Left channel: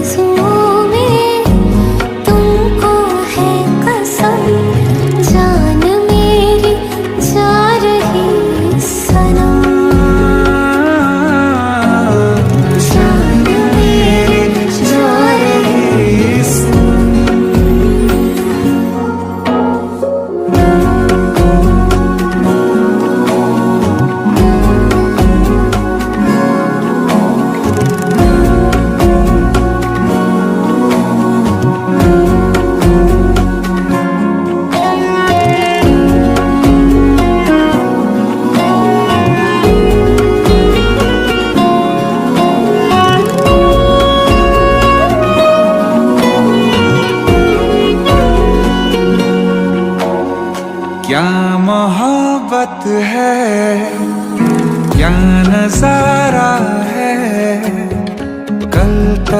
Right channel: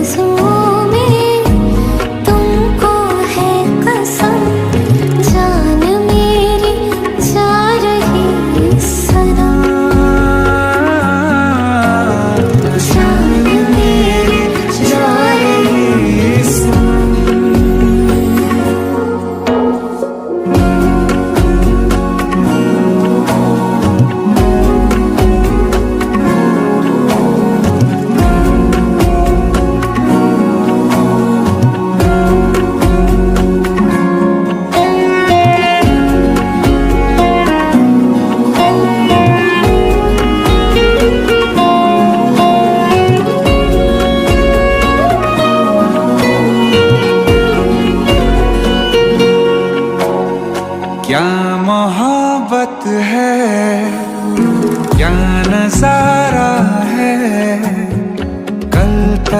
आरज़ुओं में तुमको है कसम, जान मेरी जा रही सनम, जान मेरी जा रही सनम। क्या मोहब्बत है, क्या नजारा है, कल तक